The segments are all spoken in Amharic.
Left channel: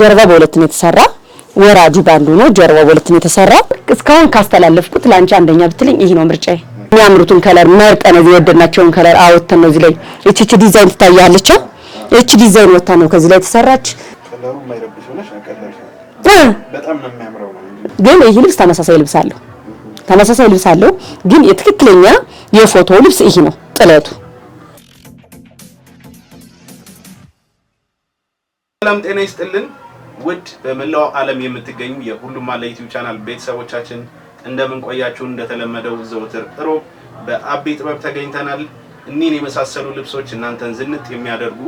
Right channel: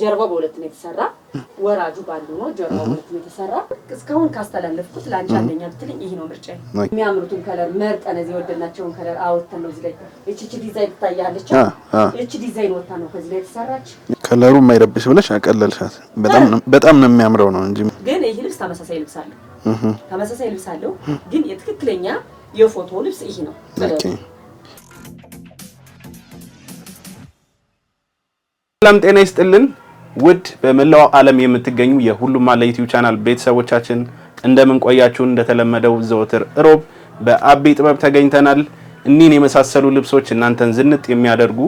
ጀርባ በሁለት ነው የተሰራ ወራጁ ባንዱ ነው ጀርባ በሁለት ነው የተሰራ እስካሁን ካስተላለፍኩት ላንቺ አንደኛ ብትልኝ ይሄ ነው ምርጫዬ የሚያምሩትን ከለር መርጠን እዚህ ወደናቸውን ከለር አወጣን ነው እዚህ ላይ እቺ ዲዛይን ትታያለች እቺ ዲዛይን ወጣ ነው ከዚህ ላይ ተሰራች ከለሩ ማይረብሽ ብለሽ አቀለልሻት በጣም ነው የሚያምረው ነው እንጂ ግን ይሄ ልብስ ተመሳሳይ ልብስ አለው ግን የትክክለኛ የፎቶ ልብስ ይሄ ነው ጥለቱ ሰላም ጤና ይስጥልን ውድ በመላው ዓለም የምትገኙ የሁሉም ማለ ዩቲዩብ ቻናል ቤተሰቦቻችን እንደምን ቆያችሁ እንደተለመደው ዘወትር ሮብ በአቢ ጥበብ ተገኝተናል እኒን የመሳሰሉ ልብሶች እናንተን ዝንጥ የሚያደርጉ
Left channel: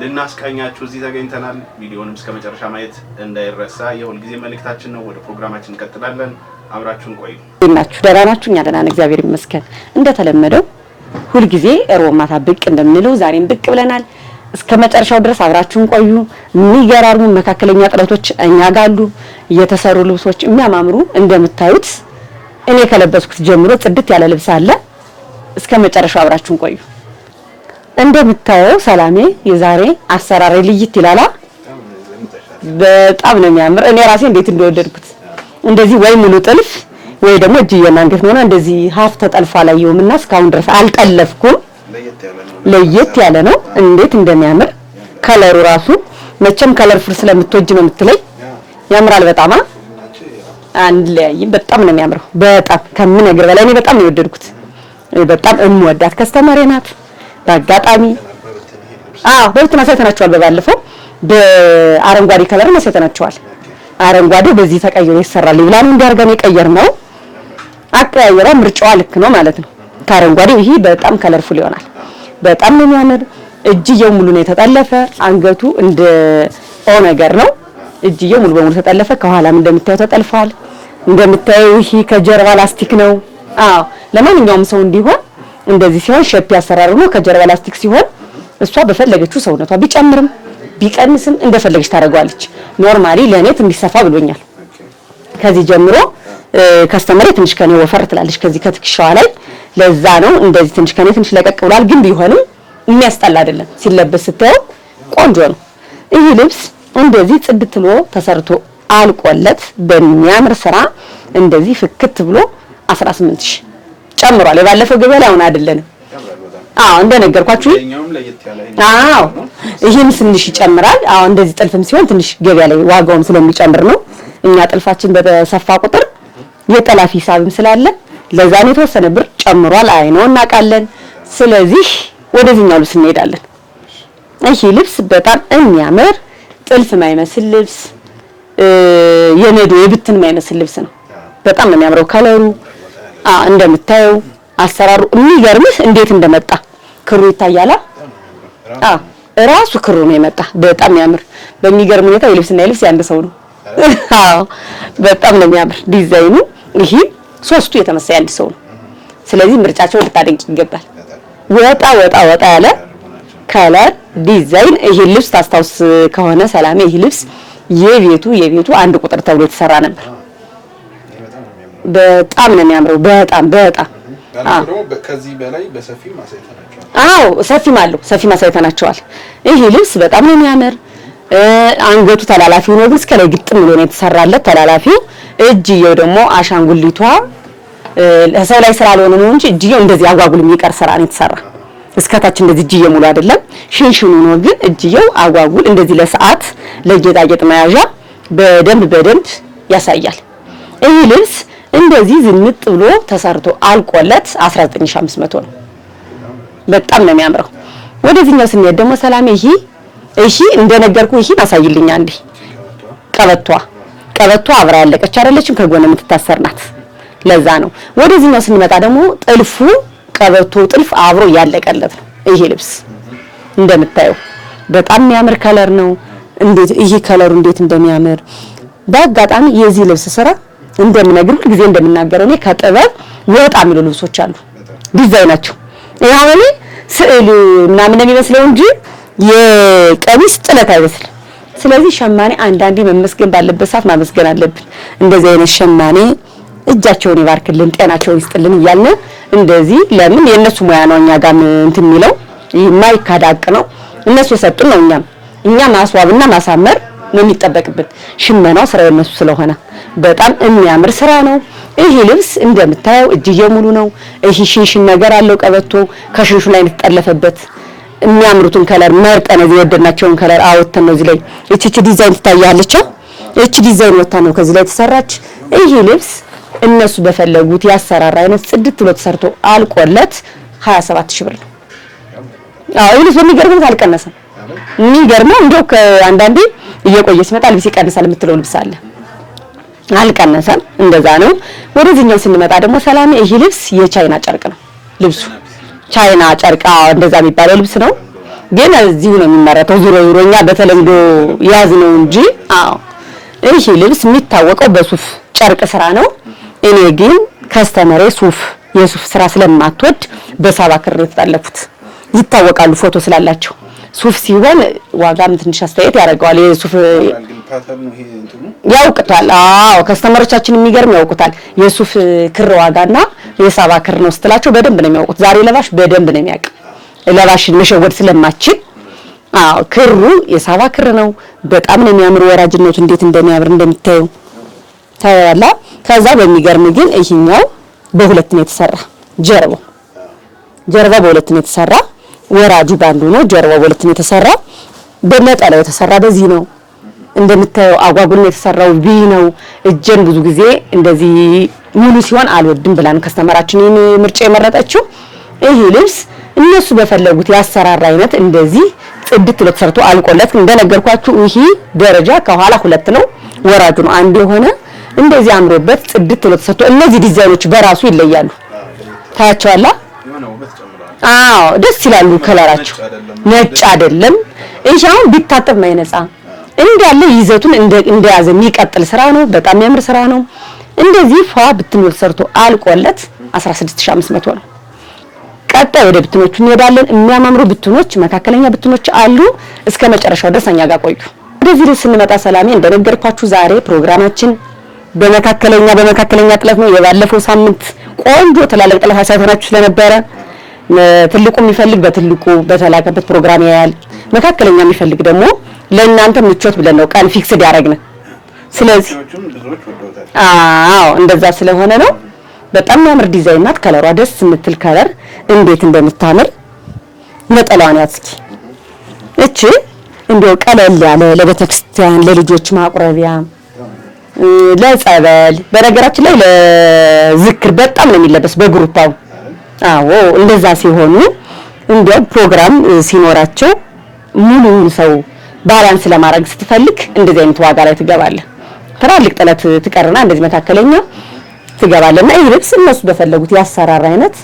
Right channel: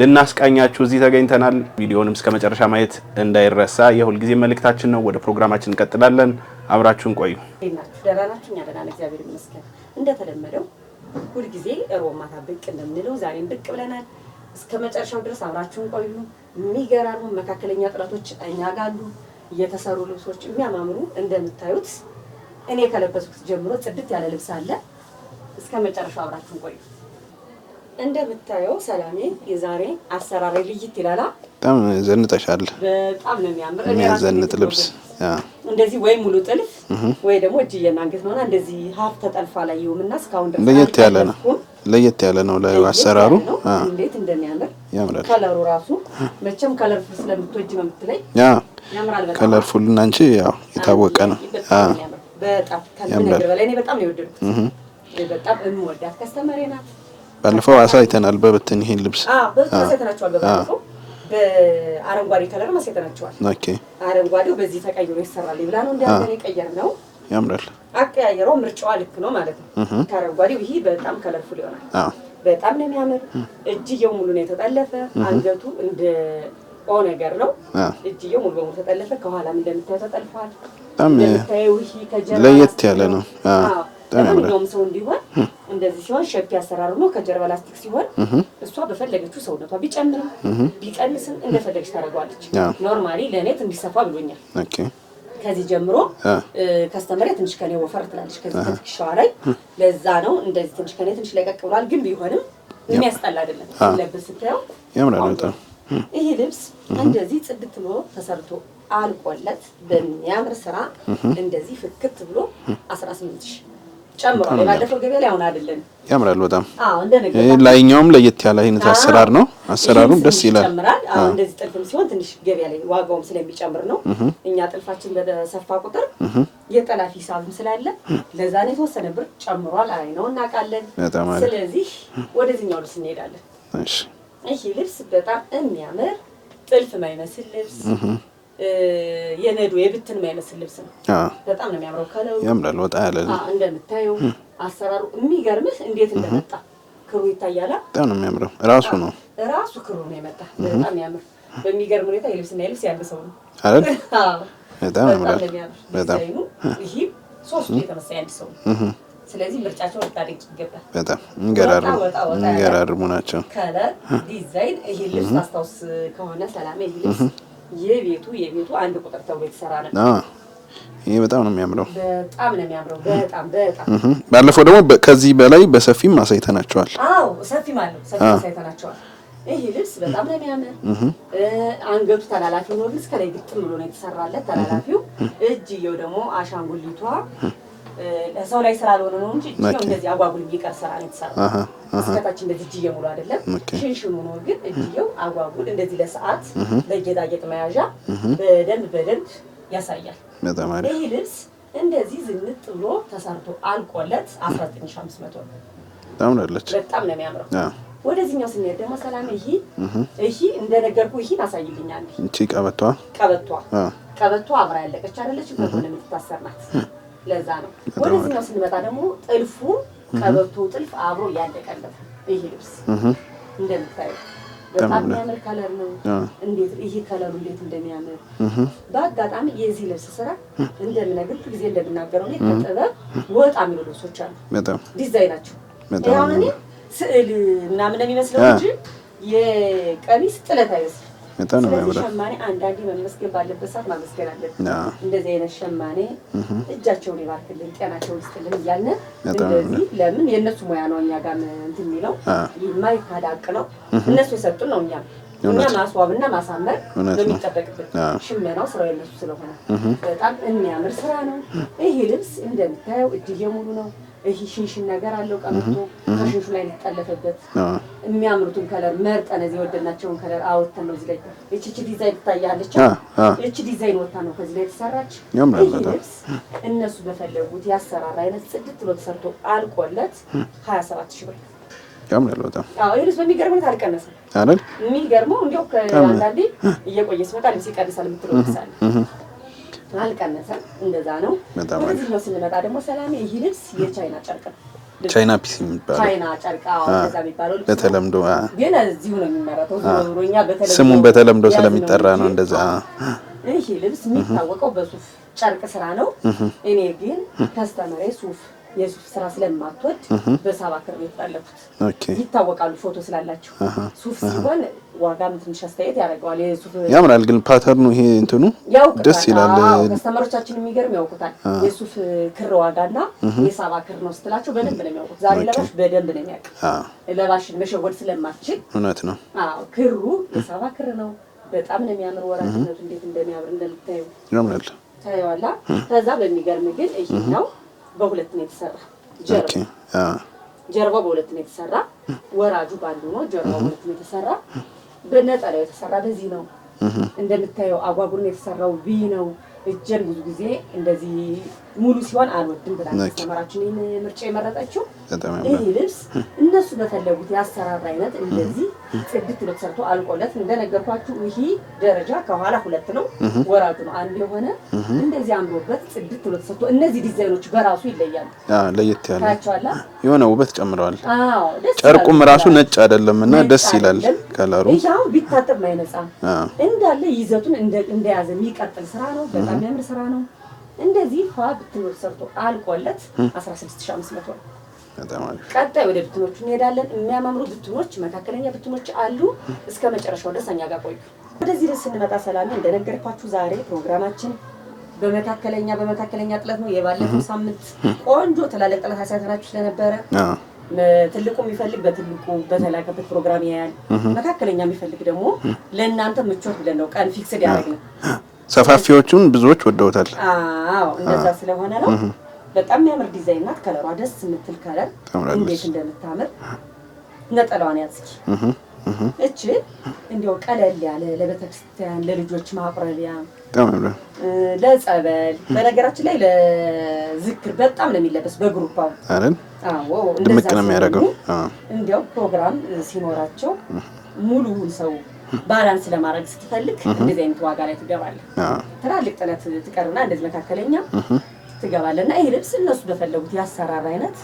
ልናስቃኛችሁ እዚህ ተገኝተናል ቪዲዮንም እስከ መጨረሻ ማየት እንዳይረሳ የሁሉ ጊዜ መልእክታችን ነው ወደ ፕሮግራማችን እንቀጥላለን አብራችሁን ቆዩ እናችሁ ደራናችሁ እኛ ደራና እግዚአብሔር ይመስገን እንደተለመደው ሁሉ ጊዜ ሮብ ማታ ብቅ እንደምንለው ዛሬም ብቅ ብለናል እስከ መጨረሻው ድረስ አብራችሁን ቆዩ የሚገራርሙ መካከለኛ ጥለቶች እኛ ጋሉ የተሰሩ ልብሶች የሚያማምሩ እንደምታዩት እኔ ከለበስኩት ጀምሮ ጽድት ያለ ልብስ አለ እስከ መጨረሻው አብራችሁን ቆዩ እንደምታዩ ሰላሜ የዛሬ አሰራር ልይት ይላላ በጣም ዘንጠሻል በጣም ነው የሚያምር እኔ ራሴ እንዴት እንደወደድኩት እንደዚህ ወይ ሙሉ ጥልፍ ወይ ደግሞ እጅየና እንዴት ነው እንደዚህ ሀፍ ተጠልፋ ላይ ይውምና እስካሁን ድረስ አልጠለፍኩም ለየት ያለ ነው እንዴት እንደሚያምር ከለሩ ራሱ መቼም ከለር ፍር ስለምትወጅ ነው የምትለኝ ያምራል በጣም ፉልና አንቺ ያው አንለይ በጣም ነው የሚያምረው በጣም ከምነግር በላይ እኔ በጣም ነው የወደድኩት በጣም እንወዳት ከስተመሬ ናት በአጋጣሚ ተናል በበትን ይሄን ልብስ በበትን አሳይተናቸዋል በባለፈው በአረንጓዴ ከለር አሳይተናቸዋል አረንጓዴ በዚህ ተቀይሮ ይሰራል ይብላን እንዲያርገን የቀየር ነው ያምራል አቀያየራ ምርጫው ልክ ነው ማለት ነው ካረንጓዴው ይሄ በጣም ከለርፉል ይሆናል በጣም ነው የሚያምር እጅየው ሙሉ ነው የተጠለፈ አንገቱ እንደ ኦ ነገር ነው እጅየው ሙሉ በሙሉ ተጠለፈ ከኋላም እንደምታዩ ተጠልፏል እንደምታዩ ይሄ ከጀርባ ላስቲክ ነው ለማንኛውም ሰው እንዲሆን እንደዚህ ሲሆን ሼፕ ያሰራሩ ነው ከጀርባ ላስቲክ ሲሆን እሷ በፈለገችው ሰውነቷ ቢጨምርም ቢቀንስም እንደፈለገች ታረጋዋለች ኖርማሊ ለኔ እንዲሰፋ ብሎኛል ከዚህ ጀምሮ ከስተመሬ ትንሽ ከኔ ወፈር ትላለች ከዚህ ከትክሻዋ ላይ ለዛ ነው እንደዚህ ትንሽ ከኔ ትንሽ ለቀቅ ብሏል ግን ቢሆንም የሚያስጠላ አይደለም ሲለበስ ስታዩ ቆንጆ ነው ይሄ ልብስ እንደዚህ ጽድት ብሎ ተሰርቶ አልቆለት በሚያምር ስራ እንደዚህ ፍክት ብሎ 18000 ጨምሯል የባለፈው ገበያ ላይ አሁን አይደለም ያምራል በጣም እንደነገርኳችሁ ላይኛውም ለየት ያለ አሰራር ነው ይሄም ትንሽ ይጨምራል እንደዚህ ጥልፍም ሲሆን ትንሽ ገበያ ላይ ዋጋውም ስለሚጨምር ነው እኛ ጥልፋችን በተሰፋ ቁጥር የጠላፊ ሂሳብም ስላለ ለዛ ነው የተወሰነ ብር ጨምሯል አይነው እናቃለን ስለዚህ ወደዚህኛው ልብስ እንሄዳለን ይሄ ልብስ በጣም የሚያምር ጥልፍ ማይመስል ልብስ የነዶ የብትን ማይመስል ልብስ ነው በጣም ነው የሚያምረው ከለሩ እንደምታዩ አሰራሩ የሚገርምህ እንዴት እንደመጣ ክሩ ይታያላ በጣም ነው የሚያምረው ራሱ ክሩ ነው የመጣ በጣም ያምር በሚገርም ሁኔታ የልብስና የልብስ ያንድ ሰው ነው በጣም ነው የሚያምር ዲዛይኑ ይሄ ሶስቱ የተመሳሳይ ያንድ ሰው ነው ስለዚህ ምርጫቸው ልታደንቅ ይገባል ወጣ ያለ ከለር ዲዛይን ይሄ ልብስ ታስታውስ ከሆነ ሰላሜ ይሄ ልብስ የቤቱ አንድ ቁጥር ተብሎ የተሰራ ነበር ይሄ በጣም ነው የሚያምረው በጣም ነው የሚያምረው በጣም ባለፈው ደግሞ ከዚህ በላይ በሰፊም አሳይተናቸዋል ሰፊም አሳይተናቸዋል ይሄ ልብስ በጣም ነው የሚያምር አንገቱ ተላላፊ ነው ግን እስከ ላይ ግጥም ብሎ ነው የተሰራለት ተላላፊው እጅየው ደግሞ አሻንጉሊቷ ሰው ላይ ስላልሆነ ነው እንጂ እጅየው እንደዚህ አጓጉል የሚቀር ስራ ነው የተሰራ እስከታች እንደዚህ እጅየው ሙሉ አይደለም ሽንሽኑ ነው ግን እጅየው አጓጉል እንደዚህ ለሰዓት ለጌጣጌጥ መያዣ በደንብ ያሳያል ይሄ ልብስ እንደዚህ ዝምጥ ብሎ ተሰርቶ አልቆለት 19500 ነው በጣም ነው የሚያምረው ወደዚህኛው ስንሄድ ደግሞ ሰላም ይሄ እንደነገርኩ ይሄ አሳይልኛ እንዴ ቀበቷ አብራ ያለቀች አይደለችም ከጎነ የምትታሰርናት ለዛ ነው ወደዚህኛው ስንመጣ ደግሞ ጥልፉ ቀበቶ ጥልፍ አብሮ ያለቀለት ነው ይሄ ልብስ እንደምታዩ በጣም የሚያምር ከለር ነው እንዴት ይሄ ከለሩ እንዴት እንደሚያምር በአጋጣሚ የዚህ ልብስ ስራ እንደምነግር ጊዜ እንደምናገረው እኔ ከጥበብ ወጣ የሚሉ ልብሶች አሉ ዲዛይናቸው ያውኔ ስዕል ምናምን የሚመስለው እንጂ የቀሚስ ጥለት አይመስል ስለዚህ ሸማኔ አንዳንዴ መመስገን ባለበት ሰዓት ማመስገን አለብን እንደዚህ አይነት ሸማኔ እጃቸውን ይባርክልን ጤናቸውን ይስጥልን ይያልን እንደዚህ ለምን የነሱ ሙያ ነው እኛ ጋር እንትን የሚለው የማይካዳቅ ነው እነሱ የሰጡን ነው እኛም እኛ ማስዋብና ማሳመር ነው የሚጠበቅብን። ሽመናው ስራው የነሱ ስለሆነ በጣም የሚያምር ስራ ነው። ይሄ ልብስ እንደምታየው እጅየው ሙሉ ነው። ይሄ ሽንሽን ነገር አለው ቀበቶ ከሽንሹ ላይ የተጠለፈበት የሚያምሩትን ከለር መርጠን እዚህ ወደድናቸውን ከለር አወጥተን ነው እዚህ ላይ እቺ ዲዛይን ትታያለች። እቺ ዲዛይን ወጣ ነው ከዚህ ላይ ተሰራች። ይሄ ልብስ እነሱ በፈለጉት ያሰራራ አይነት ጽድት ብሎ ተሰርቶ አልቆለት 27000 ብር ነው። አዎ ልብስ በሚገርም አልቀነሰም አይደል? የሚገርመው እንደው ከአንዳንዴ እየቆየ ሲመጣ ልብስ ይቀንሳል የምትለው ልብስ አለ። አልቀነሰም። እንደዛ ነው። ወደዚህኛው ስንመጣ ደግሞ ሰላሜ ይሄ ልብስ የቻይና ጨርቅ ነው። ቻይና ጨርቅ እንደዛ የሚባለው ልብስ ነው። ግን እዚሁ ነው የሚመረተው። ዙሮ ዙሮኛ በተለምዶ ያዝ ነው እንጂ ይሄ ልብስ የሚታወቀው በሱፍ ጨርቅ ስራ ነው። እኔ ግን ከስተመሬ የሱፍ ስራ ስለማትወድ በሳባ ክር የተጣለፉት ይታወቃሉ ፎቶ ስላላቸው። ሱፍ ሲሆን ዋጋም ትንሽ አስተያየት ያደርገዋል። የሱፍ ያምራል ግን ፓተርኑ ይሄ እንትኑ ያውቁታል። ከስተመሮቻችን የሚገርም ያውቁታል። የሱፍ ክር ዋጋና የሳባ ክር ነው ስትላቸው በደንብ ነው የሚያውቁት። ዛሬ ለባሽ በደንብ ነው የሚያውቅ። ለባሽን መሸወድ ስለማችል እውነት ነው። ክሩ የሳባ ክር ነው። በጣም ነው የሚያምር። ወራጅነቱ እንዴት እንደሚያምር እንደምታዩ ያምራል። ታያላ። ከዛ በሚገርም ግን ይሄኛው በሁለት ነው የተሰራ። ጀርባ በሁለት ነው የተሰራ። ወራጁ ባንዱ ነው። ጀርባው በሁለት ነው የተሰራ። በነጠላው የተሰራ በዚህ ነው። እንደምታየው አጓጉል ነው የተሰራው። ቢ ነው። እጀን ብዙ ጊዜ እንደዚህ ሙሉ ሲሆን አልወድም ብላን ከስተመራችን ይሄን ምርጫ የመረጠችው። ይሄ ልብስ እነሱ በፈለጉት ያሰራራ አይነት እንደዚህ ጽድት ብሎ ተሰርቶ አልቆለት እንደነገርኳችሁ ይሄ ደረጃ ከኋላ ሁለት ነው። ወራጁ ነው አንድ የሆነ እንደዚህ አምሮበት ጽድት ብሎ ተሰርቶ እነዚህ ዲዛይኖች በራሱ ይለያሉ። ታያቸዋላ የሆነ ውበት ጨምረዋል። ደስ ይላሉ። ከለራቸው ነጭ አይደለም። እሺ አሁን ቢታጠብ ማይነጻ እንዳለ ይዘቱን እንደያዘ የሚቀጥል ስራ ነው። በጣም የሚያምር ስራ ነው። እንደዚህ ፏ ብትኖር ሰርቶ አልቆለት 16500 ነው። ቀጣይ ወደ ብትኖቹ እንሄዳለን። የሚያማምሩ ብትኖች፣ መካከለኛ ብትኖች አሉ። እስከ መጨረሻው ድረስ እኛ ጋር ቆዩ። ወደዚህ ስንመጣ ሰላሜ እንደነገርኳችሁ ዛሬ ፕሮግራማችን በመካከለኛ ጥለት ነው። የባለፈው ሳምንት ቆንጆ ትላልቅ ጥለት አሳይተናችሁ ስለነበረ ትልቁ የሚፈልግ በትልቁ በተላከበት ፕሮግራም ያያል። መካከለኛ የሚፈልግ ደግሞ ለእናንተ ምቾት ብለን ነው ቀን ፊክስድ ያደረግነው። ሰፋፊዎቹን ብዙዎች ወደውታል። እንደዛ ስለሆነ ነው። በጣም የሚያምር ዲዛይን ናት። ከለሯ ደስ የምትል ከለር እንዴት እንደምታምር ነጠላዋን ያዝኪ። እቺ እንደው ቀለል ያለ ለቤተክርስቲያን ለልጆች ማቁረቢያ ለጸበል በነገራችን ላይ ለዝክር በጣም ነው የሚለበስ በግሩፓው። እንደዛ ሲሆኑ እንደው ፕሮግራም ሲኖራቸው ሙሉ ሰው ባላንስ ለማድረግ ስትፈልግ እንደዚህ አይነት ዋጋ ላይ ትገባለህ። ትላልቅ ጥለት ትቀርና እንደዚህ መካከለኛ ትገባለና ይሄ ልብስ እነሱ በፈለጉት ያሰራራ አይነት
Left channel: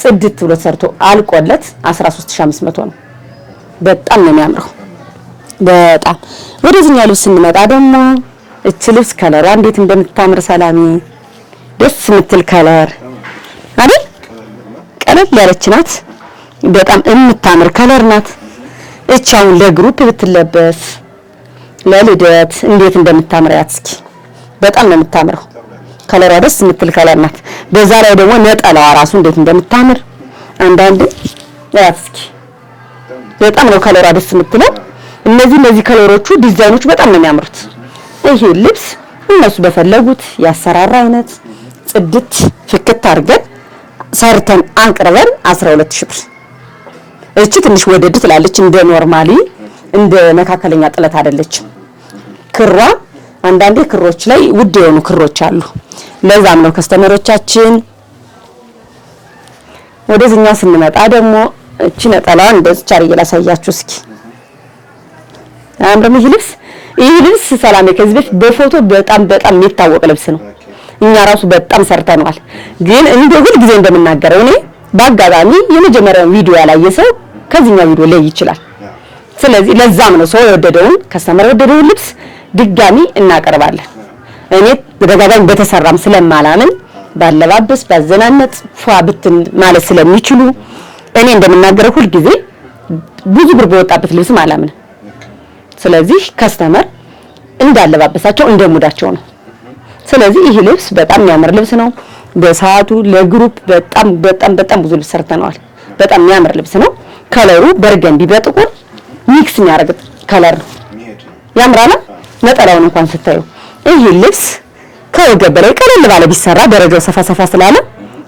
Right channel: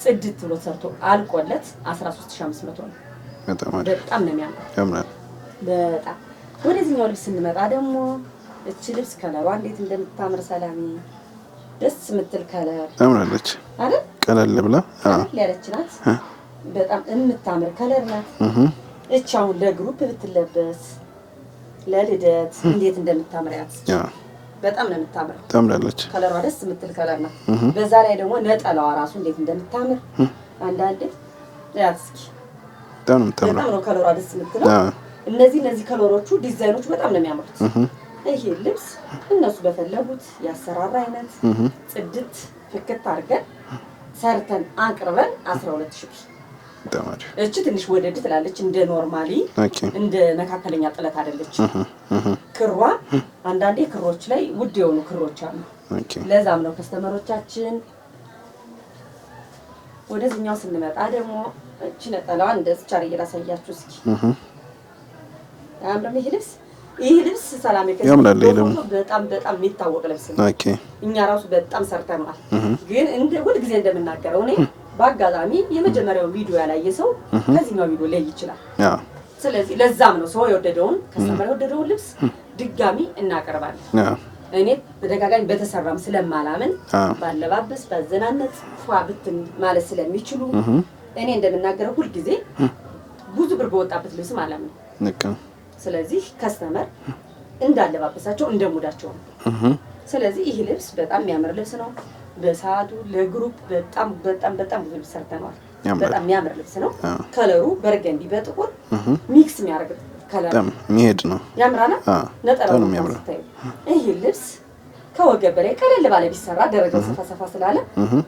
ጽድት ብሎ ተሰርቶ አልቆለት 13500 ነው። በጣም ነው የሚያምረው። በጣም ወደዚህኛው ልብስ ስንመጣ ደግሞ እቺ ልብስ ከለሯ እንዴት እንደምታምር ሰላሚ ደስ የምትል ከለር አይደል? ቀለል ያለች ናት። በጣም የምታምር ከለር ናት። እቺ አሁን ለግሩፕ ብትለበስ ለልደት እንዴት እንደምታምር ያትስኪ። በጣም ነው የምታምረው። ከለሯ ደስ የምትል ከለር ናት። በዛ ላይ ደግሞ ነጠላዋ ራሱ እንዴት እንደምታምር አንዳንድ ያትስኪ። በጣም ነው ከለሯ ደስ የምትለው። እነዚህ ከለሮቹ ዲዛይኖቹ በጣም ነው የሚያምሩት። ይሄ ልብስ እነሱ በፈለጉት ያሰራራ አይነት ጽድት ፍክት አድርገን ሰርተን አቅርበን 12000 ብር። እቺ ትንሽ ወደድ ትላለች። እንደ ኖርማሊ እንደ መካከለኛ ጥለት አይደለችም። ክሯ አንዳንዴ ክሮች ላይ ውድ የሆኑ ክሮች አሉ። ለዛም ነው ከስተመሮቻችን። ወደዚህኛው ስንመጣ ደግሞ እቺ ነጠላዋ እንደዚህ ቻርዬ ላሳያችሁ እስኪ። አምረም ይህ ልብስ ሰላሜ ከዚህ በፊት በፎቶ በጣም የሚታወቅ ልብስ ነው። እኛ ራሱ በጣም ሰርተናል። ግን እንደ ሁሉ ጊዜ እንደምናገረው እኔ በአጋጣሚ የመጀመሪያው ቪዲዮ ያላየ ሰው ከዚህኛው ቪዲዮ ላይ ይችላል። ስለዚህ ለዛም ነው ሰው የወደደውን ከስተመር የወደደውን ልብስ ድጋሚ እናቀርባለን። እኔ በደጋጋሚ በተሰራም ስለማላምን ባለባበስ ባዘናነጥ ፏብትን ማለት ስለሚችሉ እኔ እንደምናገረው ሁሉ ጊዜ ብዙ ብር በወጣበት ልብስ ማላምን። ስለዚህ ከስተመር እንዳለባበሳቸው እንደሙዳቸው ነው። ስለዚህ ይሄ ልብስ በጣም የሚያምር ልብስ ነው። በሰዓቱ ለግሩፕ በጣም ብዙ ልብስ ሰርተናል። በጣም የሚያምር ልብስ ነው። ከለሩ በርገንዲ በጥቁር ሚክስ የሚያደርግ ከለር ነው የሚሄድ ነው ያምራል። ነጠላውን እንኳን ስታዩ ይሄ ልብስ ከወገብ በላይ ቀለል ባለ ቢሰራ ደረጃው ሰፋ ስላለ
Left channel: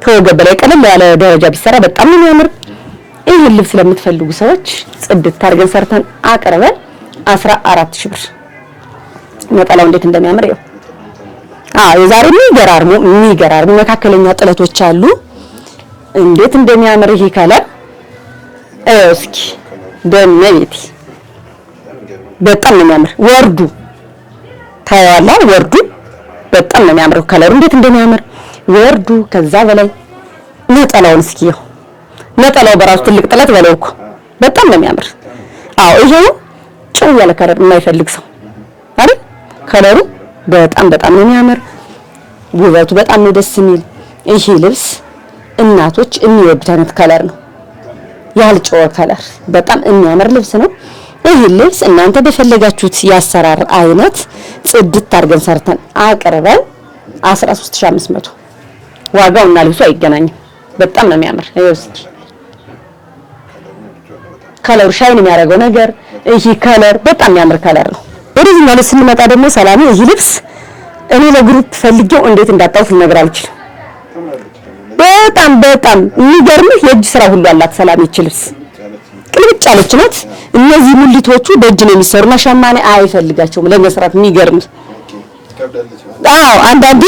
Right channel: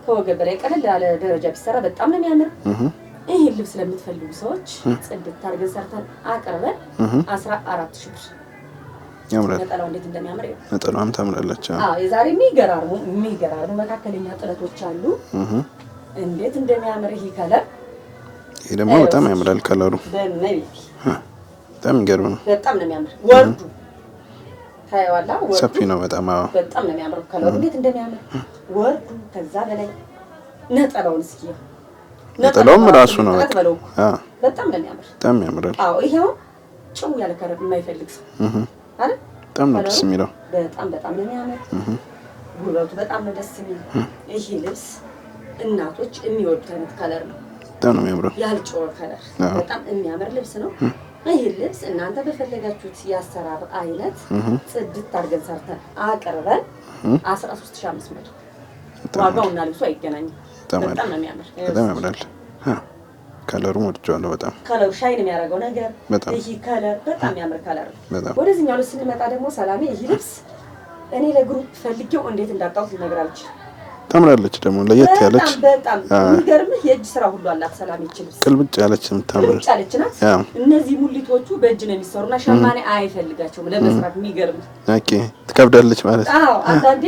ከወገብ በላይ ቀለል ያለ ደረጃ ቢሰራ በጣም ነው የሚያምር። ይሄ ልብስ ለምትፈልጉ ሰዎች ጽድት አድርገን ሰርተን አቅርበን 14000 ብር። ነጠላው እንዴት እንደሚያምር ይኸው ነጠላውም ታምራለች። የዛሬ የሚገራርሙ መካከለኛ ጥለቶች አሉ። እንዴት እንደሚያምር ይሄ ከለር ደግሞ በጣም ያምራል። ከለሩ ደምቤት በጣም ይገርም ነው። በጣም ነው የሚያምር። ወርዱ ታያላ ወርዱ በጣም ነው የሚያምር። ከለሩ እንዴት እንደሚያምር ወርዱ ከዛ በላይ ነጠላውን እስኪየው ነጠላው በራሱ ትልቅ ጥለት በለው እኮ በጣም ነው የሚያምር። ይሄው ጭው ያለ ከለር የማይፈልግ ሰው አይደል? ከለሩ በጣም ነው የሚያምር። ውበቱ በጣም ነው ደስ የሚል። ይሄ ልብስ እናቶች የሚወዱት አይነት ከለር ነው። ያልጨው ከለር በጣም የሚያምር ልብስ ነው። ይሄ ልብስ እናንተ በፈለጋችሁት ያሰራር አይነት ጽድት አድርገን ሰርተን አቅርበን 13500 ዋጋውና ልብሱ አይገናኝም። በጣም ነው የሚያምር። ከለሩ ወጥቷል። በጣም ከለሩ ሻይን የሚያደርገው ነገር ይሄ ከለር በጣም የሚያምር ከለር ነው። ወደዚህ ማለት ስንመጣ ደግሞ ሰላሜ ይሄ ልብስ እኔ ለግሩፕ ፈልጌው እንዴት እንዳጣሁት ልነግር አልችልም። ታምራለች ደግሞ በጣም የሚገርምህ የእጅ ስራ ሁሉ አላት ሰላም ይችላል። ቅልብጭ ያለች ናት። እነዚህ ሙሊቶቹ በእጅ ነው የሚሰሩና ሸማኔ አይፈልጋቸውም ለመስራት። የሚገርምህ ትከብዳለች ማለት አንዳንዴ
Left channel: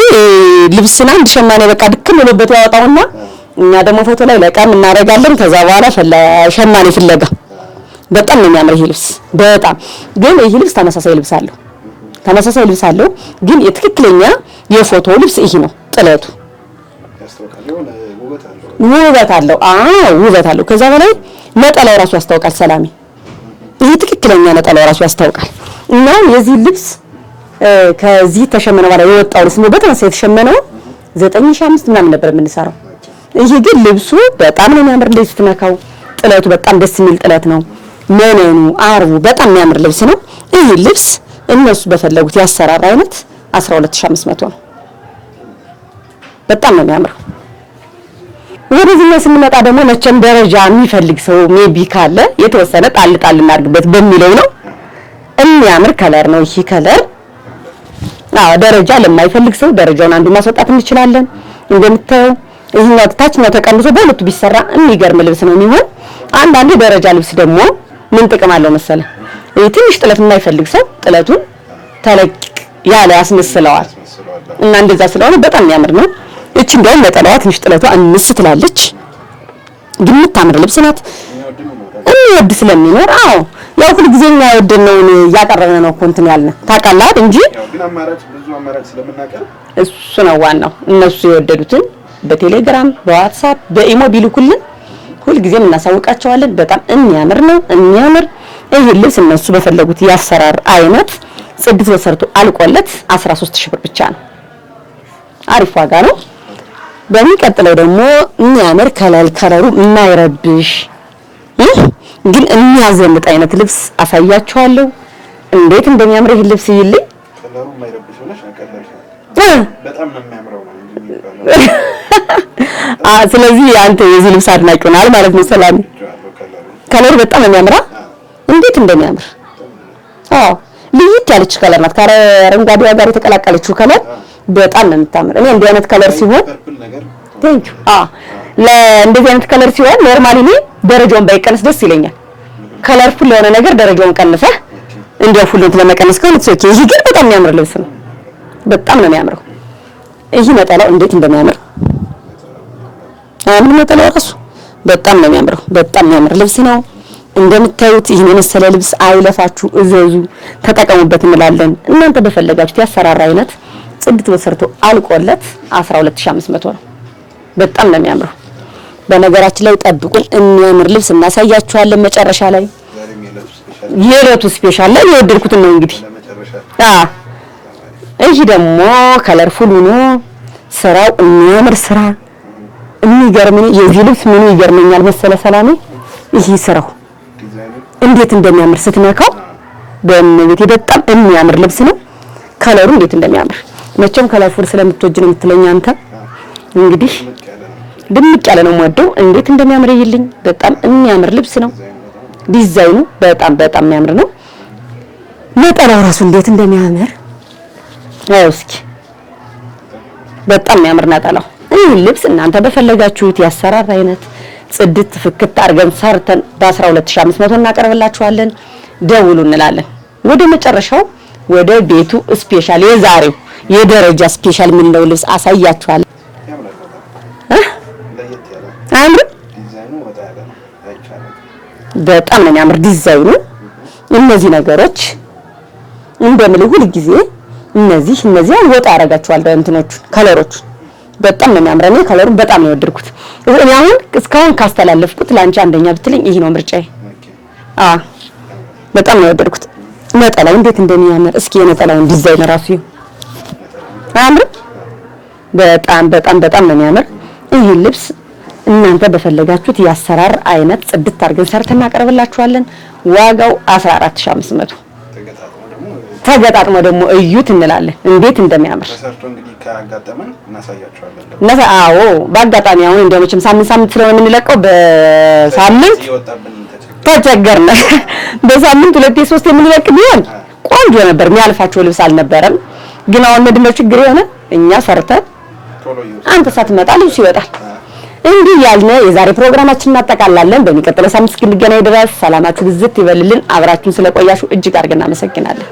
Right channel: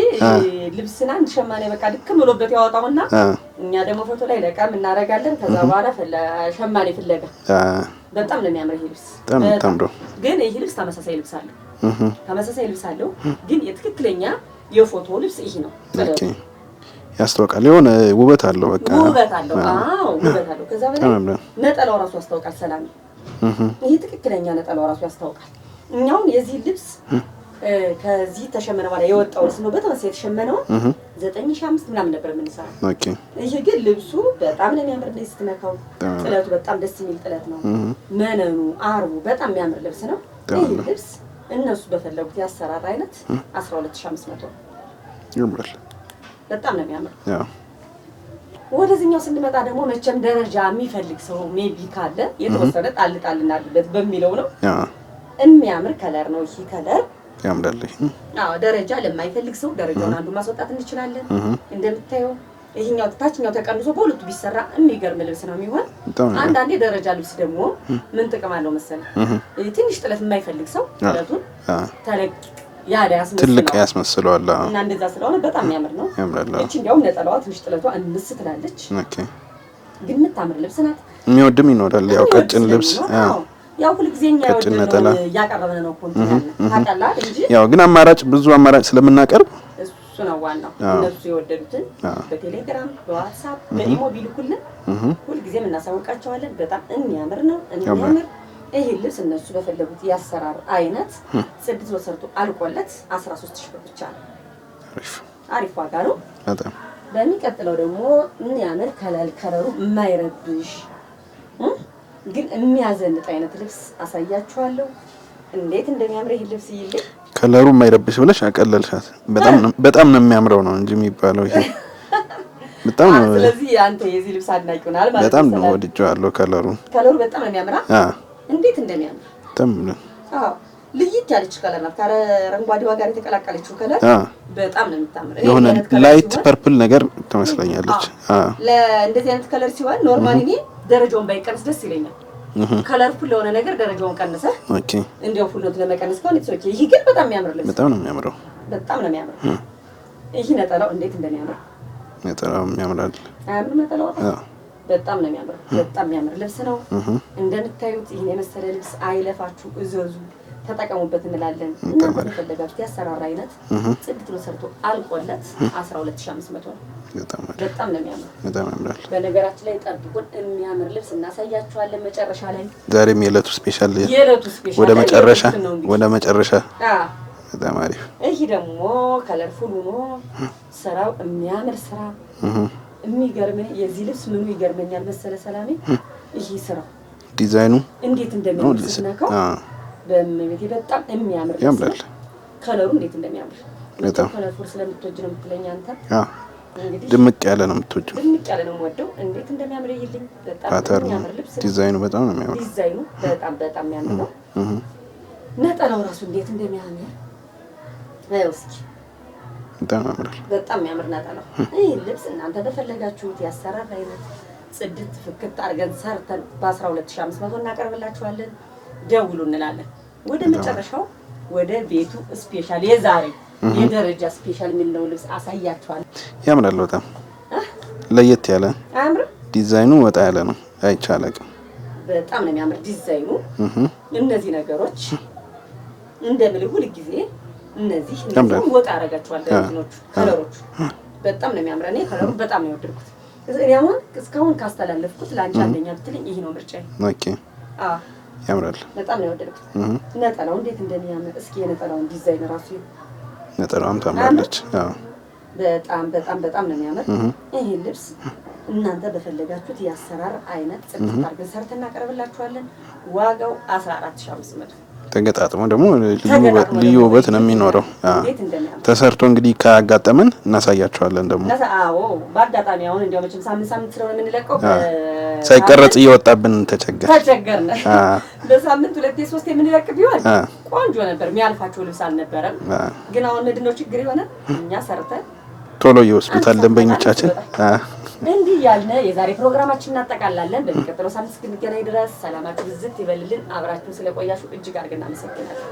ልብስና አንድ ሸማኔ በቃ ድክም ብሎበት ያወጣውና እኛ ደግሞ ፎቶ ላይ ለቀም እናደርጋለን። ከዛ በኋላ ሸማኔ ፍለጋ በጣም ነው የሚያምር ይሄ ልብስ። በጣም ግን ይሄ ልብስ ተመሳሳይ ልብስ አለው ግን የትክክለኛ የፎቶ ልብስ ይሄ ነው። ጥለቱ ያስተዋውቃል። የሆነ ውበት አለው። ውበት አለው። ከዛ በላይ ነጠላው ራሱ ያስተዋውቃል። ሰላሜ ይሄ ትክክለኛ ነጠላው ራሱ ያስተዋውቃል። እና የዚህ ልብስ ከዚህ ተሸመነ በኋላ የወጣው ልብስ ነው በተመሳሳይ የተሸመነው 9500 ምናምን ነበር የምንሰራው። ይሄ ግን ልብሱ በጣም ነው የሚያምር። እንደዚህ ስትነካው ጥለቱ በጣም ደስ የሚል ጥለት ነው። መነኑ አርቡ በጣም የሚያምር ልብስ ነው። ይሄ ልብስ እነሱ በፈለጉት ያሰራር አይነት 12500 ነው። በጣም ነው የሚያምረው። ወደዚህ ስንመጣ ደግሞ መቼም ደረጃ የሚፈልግ ሰው ሜቢ ካለ የተወሰነ ጣል እናድርግበት በሚለው ነው። የሚያምር ከለር ነው ይሄ ከለር ያምራል። ደረጃ ለማይፈልግ ሰው ደረጃውን አንዱ ማስወጣት እንችላለን። እንደምታየው ይሄኛው ታችኛው ተቀንሶ በሁለቱ ቢሰራ የሚገርም ልብስ ነው የሚሆን። አንዳንዴ ደረጃ ልብስ ደግሞ ምን ጥቅም አለው መሰለ? ትንሽ ጥለት የማይፈልግ ሰው ጥለቱን ተለቅ ያለ ያስመስለዋል እና እንደዛ ስለሆነ በጣም የሚያምር ነው። እቺ እንደውም ነጠላዋ ትንሽ ጥለቷ አንስ ትላለች ግን የምታምር ልብስ ናት። የሚወድም ይኖራል። የሚወድ ስለሚኖር ያው ሁሉ ጊዜ የሚወድን ነው ያቀረበ ነው ኮንቲኒ ያልነ ታውቃለህ እንጂ ያው ግን ብዙ አማራጭ ስለምናቀርብ እሱ ነው ዋናው። እነሱ የወደዱትን በቴሌግራም በዋትስአፕ በኢሞ ቢልኩልን ሁሉ ጊዜ እናሳውቃቸዋለን። በጣም የሚያምር ነው የሚያምር ይሄ ልብስ እነሱ በፈለጉት ያሰራር አይነት ጽድት ተሰርቶ አልቆለት 13000 ብር ብቻ ነው። አሪፍ ዋጋ ነው። በሚቀጥለው ደግሞ የሚያምር ከለሩ የማይረብሽ ግን የሚያዘንጥ አይነት ልብስ አሳያችኋለሁ። እንዴት እንደሚያምር ይሄ ልብስ ይልኝ። ከለሩ የማይረብሽ ብለሽ አቀለልሻት። በጣም ነው የሚያምረው ነው እንጂ የሚባለው። ስለዚህ አንተ የዚህ ልብስ አድናቂ ሆናል ማለት ነው። ሰላም ከለሩ በጣም የሚያምራ እንዴት እንደሚያምር ልይት ያለች ከለር ናት። ከአረንጓዴዋ ጋር የተቀላቀለችው ከለር በጣም ነው የምታምር። እኔ እንደዚህ አይነት ከለር ሲሆን ፐርፕል ነገር ተመስለኛለች። ለእንደዚህ አይነት ከለር ሲሆን ኖርማሊ እኔ ደረጃውን ባይቀንስ ደስ ይለኛል። ከለርፉል ለሆነ ነገር ደረጃውን ቀንሰህ እንደው ፉሉን ለመቀነስ ከሆነ ኦኬ። ይሄ ግን በጣም የሚያምር ልብስ ነው። በጣም ነው የሚያምረው። ይሄ ነጠላው እንዴት እንደሚያምር ነጠላው ያምራል። ነጠላው ራሱ በጣም ነው የሚያምረው። በጣም የሚያምር ልብስ ነው። እንደምታዩት ይሄን የመሰለ ልብስ አይለፋችሁ፣ እዘዙ፣ ተጠቀሙበት እንላለን። እናንተ በፈለጋችሁት ያሰራራ አይነት ጽድት ተሰርቶ አልቆለት 12500 ነው። በጣም ነው የሚያምረው። በነገራችን ላይ ጠብቁን፣ የሚያምር ልብስ እናሳያችኋለን መጨረሻ ላይ። ዛሬም የዕለቱ ስፔሻል ላይ የወደድኩት ነው እንግዲህ ወደ መጨረሻ። በጣም አሪፍ። ይሄ ደግሞ ከለርፉል ሆኖ ስራው የሚያምር ስራ የሚገርም ነው። የዚህ ልብስ ምን ይገርመኛል መሰለ ሰላሜ፣ ይሄ ስራው ዲዛይኑ እንዴት እንደሚያምር ስትነካው በእነዚህ በጣም የሚያምር ልብስ ነው። ከለሩ እንዴት እንደሚያምር መቼም ከለርፉል ስለምትወጅ ነው የምትለኝ አንተ። እንግዲህ ድምቅ ያለ ነው የምትወጅ። ድምቅ ያለ ነው የምወደው። እንዴት እንደሚያምር ይልኝ። በጣም የሚያምር ልብስ ነው። ዲዛይኑ በጣም የሚያምር ነው። በጣም የሚያምር ነው። ነጠላው ራሱ እንዴት እንደሚያምር እስኪ በጣም የሚያምር ነጠላው። ይህ ልብስ እናንተ በፈለጋችሁት ያሰራር አይነት ጽድት ፍክት አድርገን ሰርተን በ12500 እናቀርብላችኋለን። ደውሉ እንላለን። ወደ መጨረሻው ወደ ቤቱ ስፔሻል የዛሬው የደረጃ ስፔሻል ምን ነው ልብስ አሳያችኋለሁ። ያምራል በጣም ለየት ያለ አምር ዲዛይኑ ወጣ ያለ ነው አይቻልም። በጣም ነው የሚያምር ዲዛይኑ። እነዚህ ነገሮች እንደምልህ ሁሉ ጊዜ እነዚህ ወጣ ያረጋቸዋል እንትኖቹ ከለሮቹ በጣም ነው የሚያምረው። እኔ ከለሩን በጣም ነው የወደድኩት። እኔ አሁን እስካሁን ካስተላለፍኩት ላንቺ አንደኛ ብትልኝ ይሄ ነው ምርጫዬ። ኦኬ ያምራል። በጣም ነው የወደድኩት። ነጠላው እንዴት እንደሚያምር እስኪ የነጠላውን ዲዛይን ራሱ ነጠላውን ታምራለች። በጣም ነው የሚያምር። ይሄ ልብስ እናንተ በፈለጋችሁት ያሰራር አይነት ጽድት አድርገን ሰርተን እናቀርብላችኋለን። ዋጋው 14500 ተገጣጥሞ ደግሞ እዩት እንላለን እንዴት እንደሚያምር ተሰርቶ እንግዲህ ካጋጠመን እናሳያችኋለን። ደግሞ በአጋጣሚ አሁን እንደውም ሳምንት ስለሆነ የምንለቀው በሳምንት እየወጣብን ተቸገርን። በሳምንት 2-3 የምንለቅ ቢሆን ቆንጆ ነበር። የሚያልፋቸው ልብስ አልነበረም። ግን አሁን ምንድነው ችግር የሆነ እኛ ሰርተን ቶሎ ይወስዳል። አንተ ሳትመጣ ልብስ ይወጣል። እንዲህ ያልነ የዛሬ ፕሮግራማችንን እናጠቃላለን። በሚቀጥለው ሳምንት እስክንገናኝ ድረስ ሰላማችሁ ብዝት ይበልልን። አብራችሁን ስለቆያችሁ እጅግ አድርገን እናመሰግናለን።